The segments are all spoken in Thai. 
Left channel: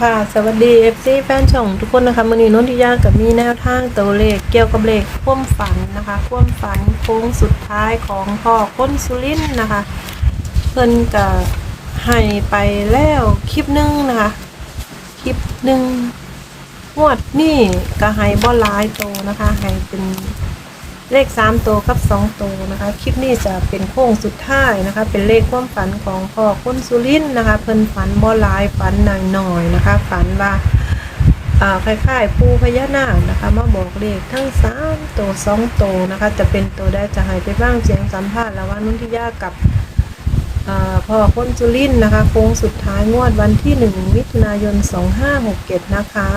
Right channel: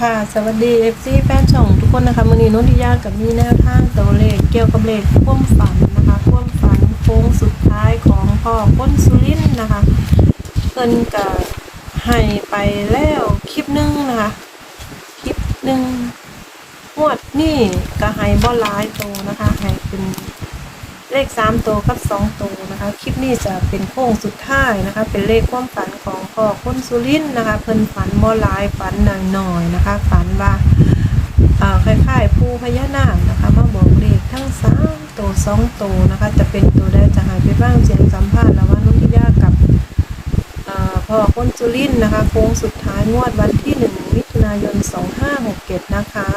ค่ะ สวัสดี FC แฟนช่องทุกคนนะคะมื่อนี้นนทิยากับมีแนวทางตัวเลขเกี่ยวกับเลขความฝันนะคะความฝันโค้งสุดท้ายของพ่อก้นสุรินทร์นะคะ เพิ่นก็ให้ไปแล้วคลิปหนึงนะคะ คลิปหนึ่งงวดนี่ก็ให้บ่หลายโตนะคะให้เป็น เลขสามตัวกับสองตัวนะคะ คลิปนี้จะเป็นโค้งสุดท้ายนะคะ เป็นเลขความฝันของพ่อคนสุรินนะคะ เพิ่นฝันบ่หลายฝันหน่อยหน่อยๆนะคะ ฝันว่าอ่าคล้ายๆปูพญานาคนะคะ มาบอกเลขทั้งสามตัวสองตัวนะคะ จะเป็นตัวได้จะให้ไปบ้างเสียงสัมภาษณ์แล้วว่านุ่นทิยากับพ่อคนสุรินนะคะ โค้งสุดท้ายงวดวันที่หนึ่งมิถุนายนสองห้าหกเจ็ดนะคะ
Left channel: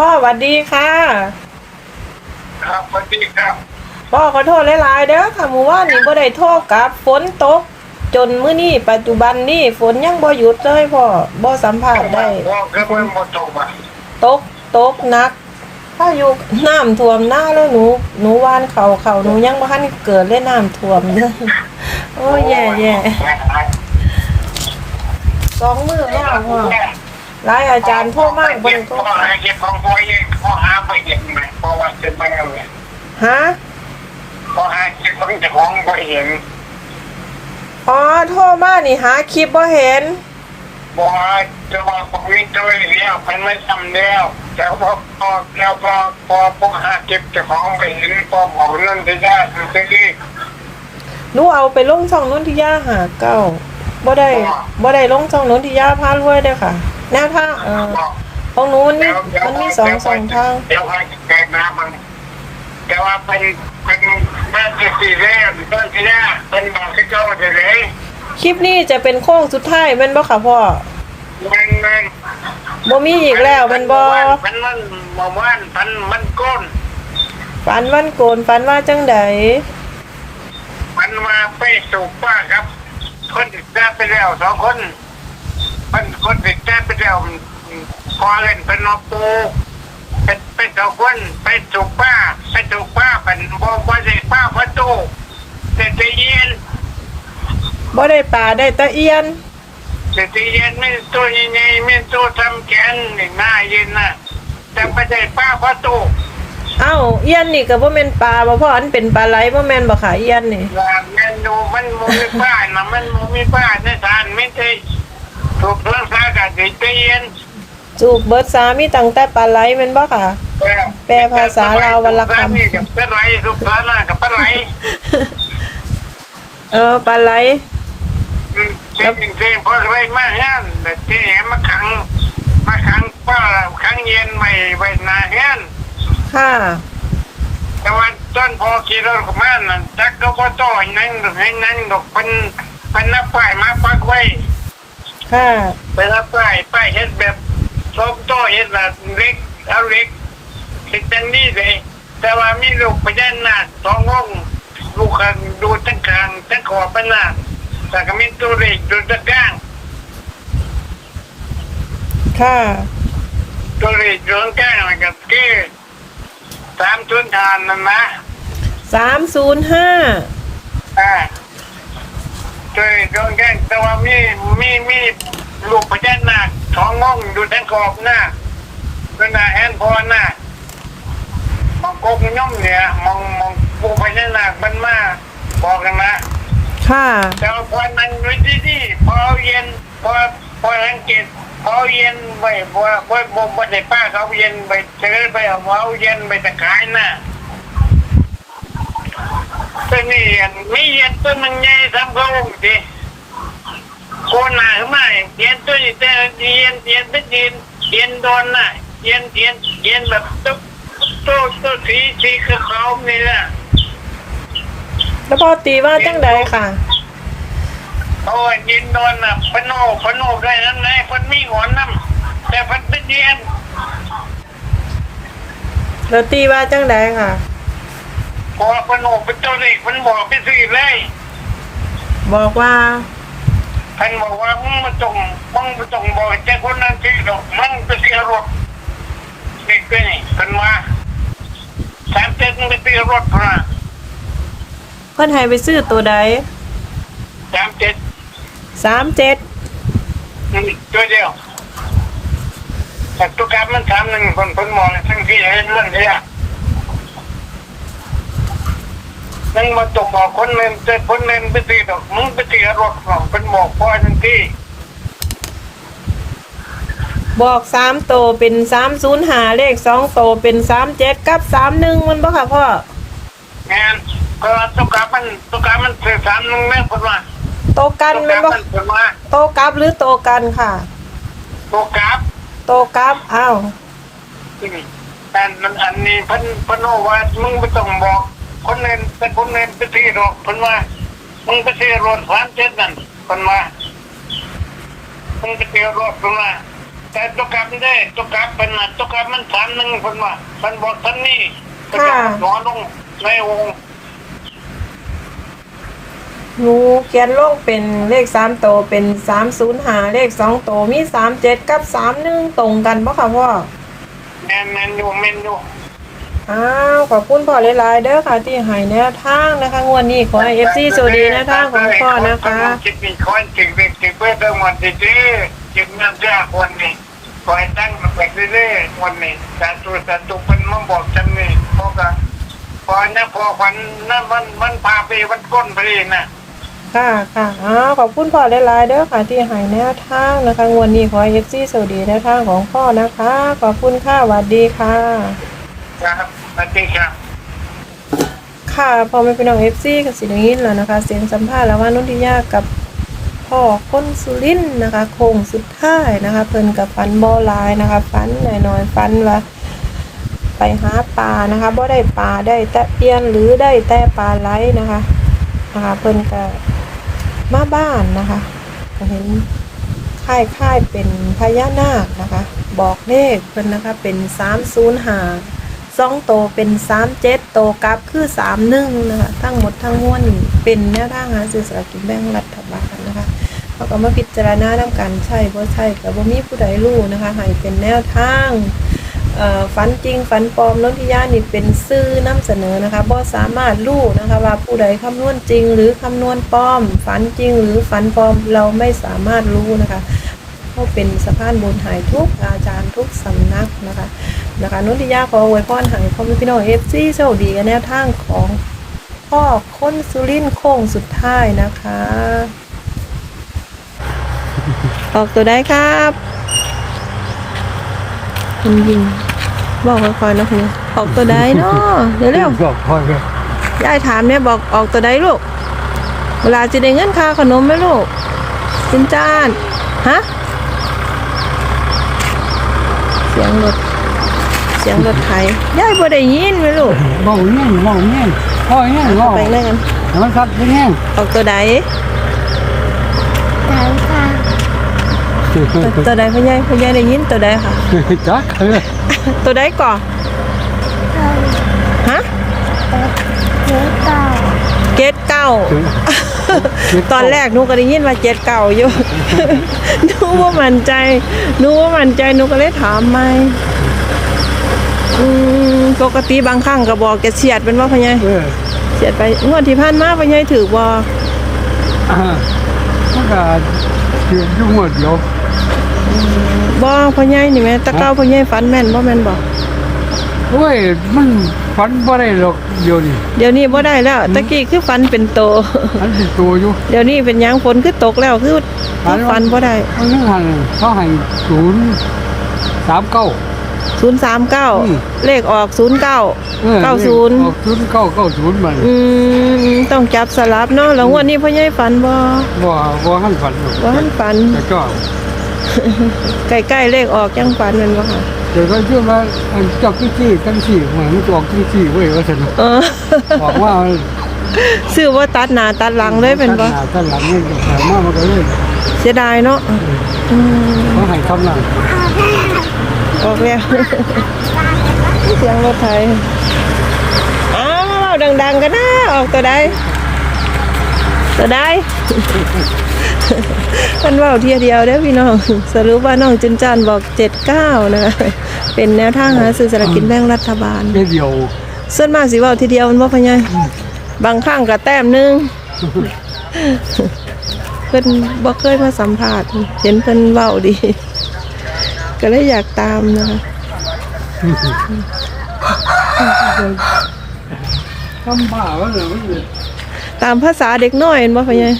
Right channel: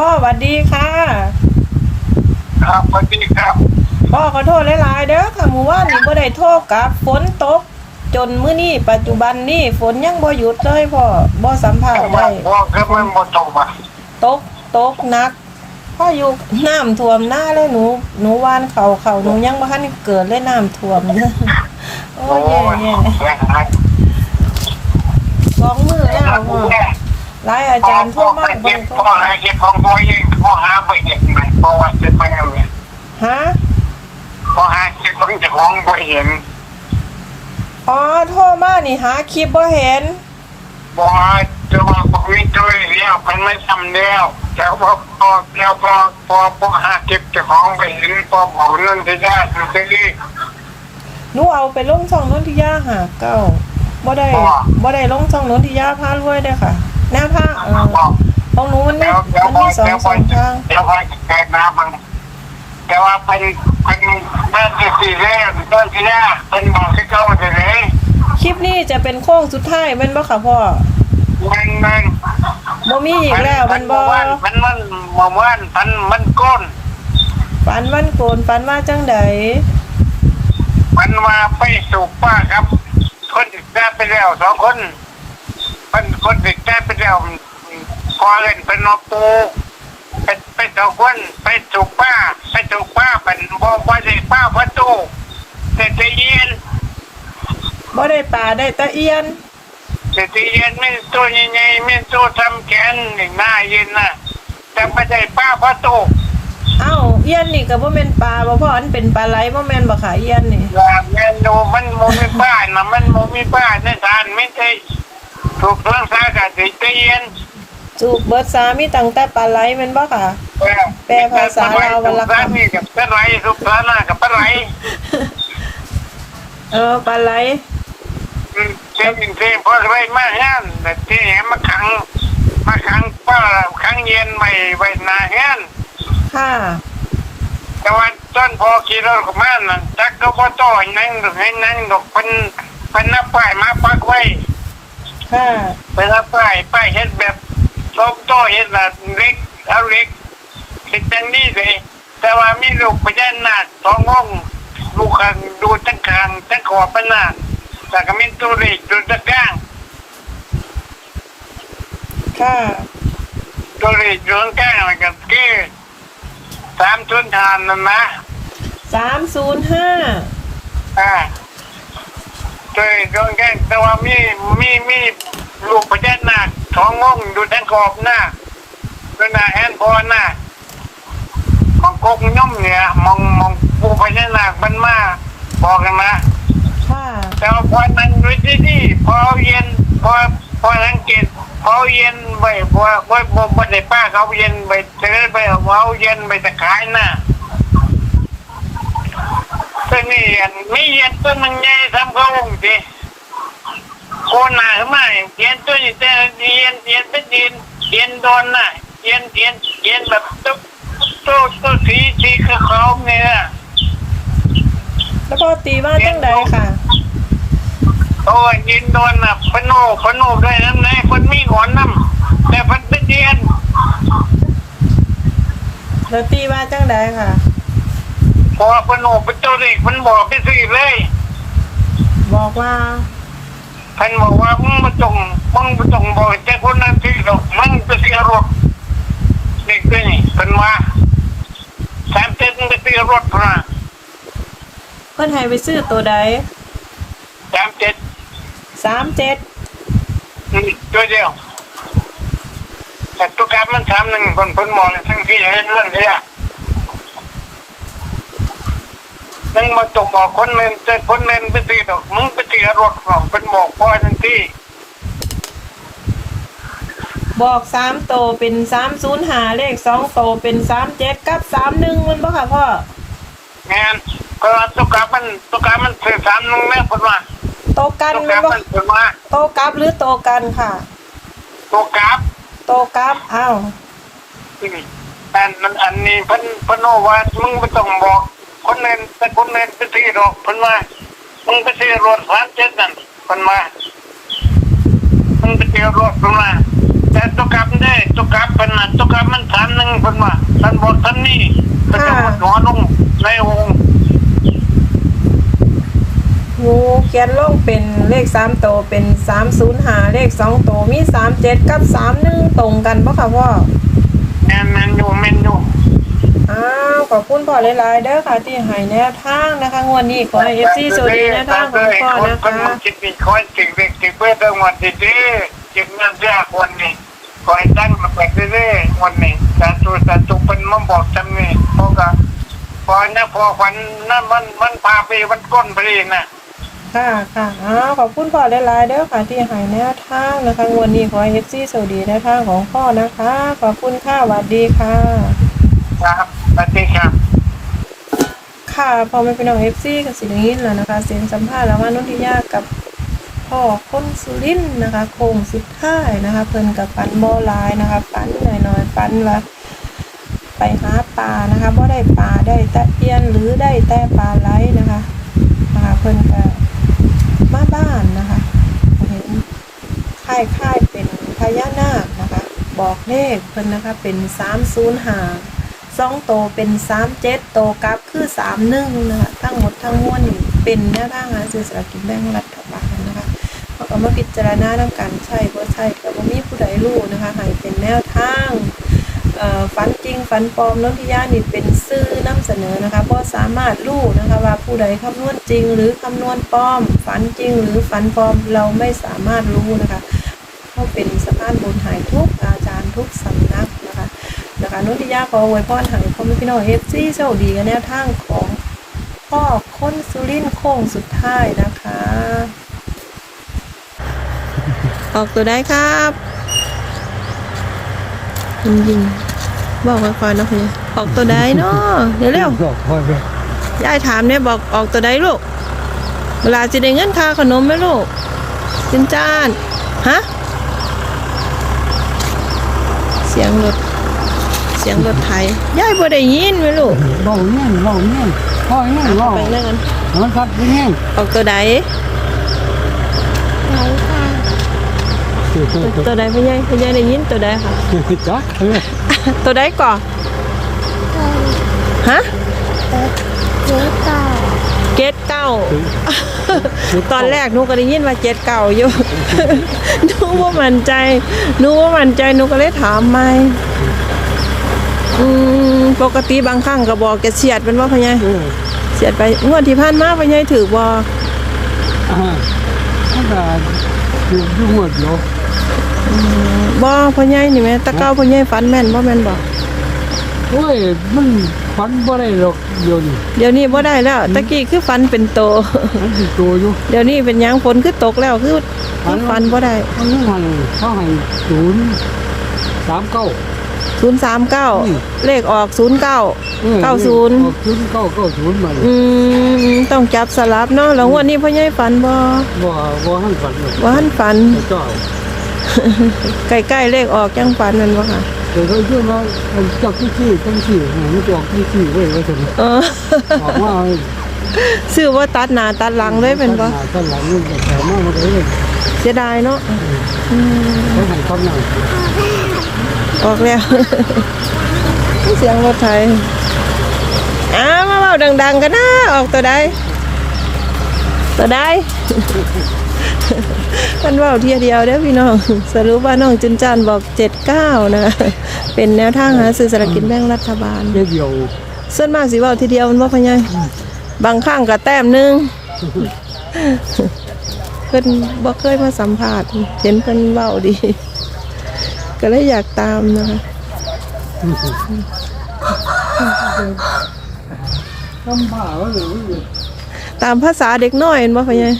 พ่อสวัสดีค่ะ ครับสวัสดีครับพ่อขอโทษหลายๆเด้อค่ะหมู่ว่านนี่บ่ได้โทษกับฝนตก จนมื้อนี้ปัจจุบันนี่ฝนยังบ่หยุดเลยพ่อบ่สัมผัสได้พ่อคือมันหมดตกมาตกตกหนักพายุน้ำท่วมหน้าแล้วหนูหนูว่านเขาเขาหนูยังบ่ทันเกิดเลยน้ำท่วมเด้อโอ้ยแย่แย่สองมือแล้วพ่อ หลายอาจารย์โทรมากบ่เก็ได้บโทรพ่อหาเก็บของพ่อเองพ่อหาไปเก็บไหนพ่อว่าเก็บไปเอาเลยฮะพ่อหาเก็บของเจ้าของพ่เห็นอ๋อโทรมานี่หาคลิปบ่เห็นบอกว่าจะว่าพ่อวิ่งตัวเดียวมันไม่ทำเดียวแต่พอพอเดียวพอพอพอหาเก็บเจ้าของไปเห็นพอบอกเรื่องที่ได้ซื้อหนูเอาไปลงช่องนุ่นที่ย่าหาเก้าบ่ได้บ่ได้ลงช่องนุ่นที่ย่าพารวยเด้อค่ะ แนวทางเอ่อของหนูมันมีมันมีสองสองทางเดี๋ยวไปเกิดมามันแต่ว่าเป็นเป็นแม่ที่สี่แรกต้นที่แรกเป็นบอกที่เจ้ามาเลย คลิปนี้จะเป็นโค้งสุดท้ายแม่นบ่ค่ะพ่อมันมันบ่มีอีกแล้วแม่นบ่มันมันมันมันมันมันก้นฝันวันโกนฝันว่าจังใดมันมาไปสู่ป้าครับ คนติดแต้ไปแล้วสองคน เป็นคนติดแต้ไปแล้วพอเล่นเป็นนอปูเป็นเป็นสองคนไปสู่ป้าไปสู่ป้าเป็นบ่บ่ได้ป้าประตูแต่จะเย็นบ่ได้ปลาได้ตะเอียนแต่จเย็นไม่ตัวใหญ่ๆไม่ตัวทำแขนหน้าเย็นนะแต่ไม่ได้ป้าประตูเอ้าเอียนนี่ก็บ่แม่นปลาบ่พ่ออันเป็นปลาไหลบ่แม่นบ่ค่ะเอียนนี่ลาเมนูมันโมมีบ้านนะมันโมมีบ้านในทานไม่ใช่ ถูกเรื่องสากัดติใจเย็นจูกเบิดสามีตั้งแต่ปลาไหลแม่นบ่ค่ะ แปลภาษาลาววรรณคำนี่กับปลาไหลทุกปลาหน้ากับปลาไหลเออปลาไหลอืมเจ้าจริงๆพอไรมาแห้งแต่ที่เห็นมาขังมาขังป้าขังเย็นไม่ไว้หนาแห้งค่ะ แต่ว่าต้นพอขี่รถกับมันนั่นจักก็พอโตนั่งให้นั่งดอกเป็นเป็นนับป้ายมาปักไว้ ค่ะเป็นนับป้ายป้ายเห็ดแบบโซกโตเห็ดแบบเล็กเอาเล็กคิดจังนี่เลยแต่ว่ามีลูกไปด้านหน้าสองห้องลูกกันดูจังกลางจังขอบเป็นหน้าแต่ก็มีตัวเล็กดูจังกลางค่ะตัวเล็กดูจังกลางแล้วก็คือสามทุนทานนั่นนะสามศูนย์ห้าอ่าตัว เล็กดูจังกลางแต่ว่ามีมีมีลูกไปด้านหน้าสองห้องดูจังขอบหน้าเป็นหน้าแอนพอหน้ามองกงย่อมเนี่ยมองมองปูพญานาคมันมาบอกกันนะค่ะแต่ว่าพอนั้นไว้ที่นี่พอเอาเย็นพอพอสังเกตพอเอาเย็นไปพอพอพอพอได้ป้าเขาเอาเย็นไปเจอไปเอาเอาเย็นไปตะขายน่ะก็นี่อันมีเย็นต้นมันใหญ่ทำ เขาลงดิโคนหนาขึ้นมาเย็นตัวนี้แต่เย็นเย็นเป็นเย็นเย็นโดนน่ะเย็นเย็นเย็นแบบตุ๊บตัวตัวสีสีขาวๆเนี่ยแล้วพ่อตีว่าจังใดค่ะโอ้ยยินโดนน่ะพนโนพนโนได้นั้นไหนคนมีหอนน้ำแต่พันเป็นเย็นแล้วตีว่าจังใดค่ะพอพนโนเป็นเจ้าเด็กมันบอกไปสิเลย บอกว่าพันบอกว่ามึงมาจงมึงมาจงบอกแต่คนนั้นที่ดอกมึงไปเสียรถเด็กเป็นนี่เป็นมาสามเจ็ดมึงไปเสียรถพระเพิ่นให้ไปซื้อตัวใดสามเจ็ดสามเจ็ดอืมตัวเดียวแต่ตัวกราฟมันสามหนึ่งคนคนมองทั้งที่ให้เรื่องนี้อะ มึงมาตกบอกคนเล่นแต่คนเล่นไปตีดอกมึงไปตีรถหรอกเป็นหมอกพ่อทั้งที่บอกสามโตเป็นสามศูนย์หาเลขสองโตเป็นสามเจ็ดกับสามหนึ่งมันบ่ค่ะพ่องานก็ตัวกราฟมันตัวกราฟมันเสียสามหนึ่งแม่คนว่าโตกันตัวกแมันราฟบ่มันคนว่าโตกับหรือโตกันค่ะตัวกราฟโตกับอ้าวอืมแต่มันอันนี้เพิ่นเพิ่นโอว่ามึงไม่ต้องบอก คนเล่นแต่คนเล่นไปตีดอกเพิ่นว่ามึงไปตีรถสามเจ็ดนั่นเพิ่นว่ามึงไปตีรถเพิ่นว่าแต่ตัวกลับได้ตัวกลับเพิ่นน่ะตัวกลับมันสามหนึ่งเพิ่นว่าท่านบอกท่านนี่เพิ่นเป็นหัวลงในองค์งูเขียนลงเป็นเลขสามโตเป็นสามศูนย์หาเลขสองโตมีสามเจ็ดกับสามหนึ่งตรงกันบ่ค่ะพ่อ แมนแมนอยู่แมนอยู่ อ้าวขอบคุณพ่อหลายๆเด้อค่ะ ที่ให้แนวทางนะคะงวดนี้ขอให้เอฟซีสวัสดีแนวทางของพ่อนะคะจิตมีคนจิตเด็กจิตเพื่อทั้งหมดดีๆจิตเมื่อแยกคนนี้ขอให้ตั้งมาเกิดเรื่อยๆวันนี้แต่ตัวแต่ตุกเป็นมาบอกฉันนี่พอกับพอเนี่ยพอควันนั่นมันมันพาไปมันก้นไปเองนะค่ะค่ะอ้าวขอบคุณพ่อหลายๆเด้อค่ะที่ให้แนวทางนะคะงวดนี้ขอให้เอฟซีสวัสดีแนวทางของพ่อนะคะ ขอบคุณค่ะสวัสดีค่ะครับ สวัสดีครับ ค่ะพอไม่เป็นน้องเอฟซีกับสิ่งนี้แล้วนะคะ เสียงสัมภาษณ์แล้วว่านุ่นทิยากับพ่อคนสุรินนะคะโค้งสุดท้ายนะคะ เพิ่นกับฟันบอลายนะคะฟันหน่อยๆฟันว่าไปหาปลานะคะบ่ได้ปลาได้แต่เอียนหรือได้แต่ปลาไหลนะคะนะคะเพิ่นก็มาบ้านนะคะเห็นค่ายค่ายเป็นพญานาคนะคะ บอกเลขเพิ่นนะคะเป็นสามศูนย์หา สองโตเป็นสามเจ็ดโตกลับคือสามหนึ่งนะคะทั้งหมดทั้งมวลเป็นแนวทางหาซื้อสลากกินแบ่งรัฐบาลนะคะเขาก็มาพิจารณานำการใช่บ่ใช่กับบ่ามีผู้ใดรู้นะคะให้เป็นแนวทางฝันจริงฝันปลอมน้องทิยานี่เป็นซื่อนำเสนอนะคะบ่สามารถรู้นะคะว่าผู้ใดคำนวณจริงหรือคำนวณปลอม ฝันจริงหรือฝันปลอมเราไม่สามารถรู้นะคะ เขาเป็นสะพานบุญหายทุกอาจารย์ทุกสำนักนะคะนะคะนุ่นทิยาขออวยพรใหายพ่อแม่พี่น้องเอฟซีโชคดีกับแนวทางของพ่อคนสุรินทร์โค้งสุดท้ายนะคะ ออกตัวได้ครับยิงยิงบอกค่อยๆนะพี่ออกตัวได้เนาะเดี๋ยวเร็วบอกพ่อเลยยายถามเนี่ยบอกออกตัวได้ลูกเวลาจะได้เงินค่าขนมไหมลูกจินจานฮะ เสียงรถ เสียงรถไถยายบ่ได้ยินไหมลูกเบาเงี้ยเบาเงี้ยพ่อเงี้ยอะเบาเข้าไปเลยกันมันสัตว์เงี้ยออกตัวใดตัวตัวใดพ่อใหญ่พ่อใหญ่ได้ยินตัวใดค่ะ จักเออตัวใดก่อนฮะเกตเก้า ตอนแรกหนูก็ได้ยินว่าเจ็ดเก่าอยู่หนูว่ามั่นใจหนูว่ามั่นใจหนูก็เลยถามไม่อืมปกติบางครั้งก็บอกจะเฉียดเป็นว่าพะไงเออเฉียดไปงวดที่ผ่านมาพะไงถือบ่อ่ามันก็คือยุ่งหมดเดียวบ่พะไงนี่แม่ตะเก้าพะไงฝันแม่นบ่แม่นบ่โอ้ยมัน ฝันบ่ได้หรอกเดี๋ยวนี้เดี๋ยวนี้บ่ได้แล้วตะกี้คือฝันเป็นโตมันเป็นตัวอยู่เดี๋ยวนี้เป็นหยังฝนคือตกแล้วคือคือฝันบ่ได้มันยังหันเขาให้ศูนย์สามเก้า039เลขออก09ออ90ออกศูนย์เก้า เก้าศูนย์มันอืมต้องจับสลับเนาะแล้วงวันนี้พ่อใหญ่ฝันบ่บ่บ่หันฝันหรอกว่าหันฝัน แต่ก็ใกล้ๆเลขออกยังฝันนั่นบ่ค่ะ เดี๋ยวก็เชื่อว่าอันจับที่ที่ตั้งสี่ให้มันจะออกที่ที่เว้ยว่าสนุกเออบอกว่าซื้อว่าตัดหน้าตัดหลังเลยเป็นบ่ตั้งหาตั้งหลังนี่แถมมามันก็เลยเสียดายเนาะอืมเขาให้คำนั่งออกแล้วเสียงรถไถอ้าวมาเว้าดัง ๆ กันนะออกตัวใดตัวใด มันเว้าเทียเดียวเด้อพี่น้อง สรุปว่าน้องจุนจานบอก79นะคะเป็นแนวทางหาซื้อสลากกินแบ่งรัฐบาลเดียวเดียวส่วนมากสิเว้าทีเดียวมันบ่พะไงบางครั้งก็แต้มหนึงเพิ่นบ่เคยมาสัมภาษณ์เห็นเพิ่นเว้าดี ก็เลยอยากตามนะคะทำบ้าแล้วเหรอมันเนี่ยตามภาษาเด็กน้อยเห็นบ่พ่อใหญ่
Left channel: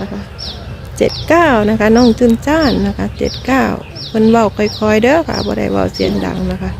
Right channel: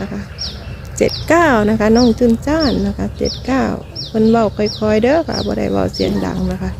นะคะเจ็ดเก้านะคะน้องจุนจ้านนะคะเจ็ดเก้าเพิ่นเบาค่อยๆเด้อค่ะบ่ได้เบาเสียงดังนะคะ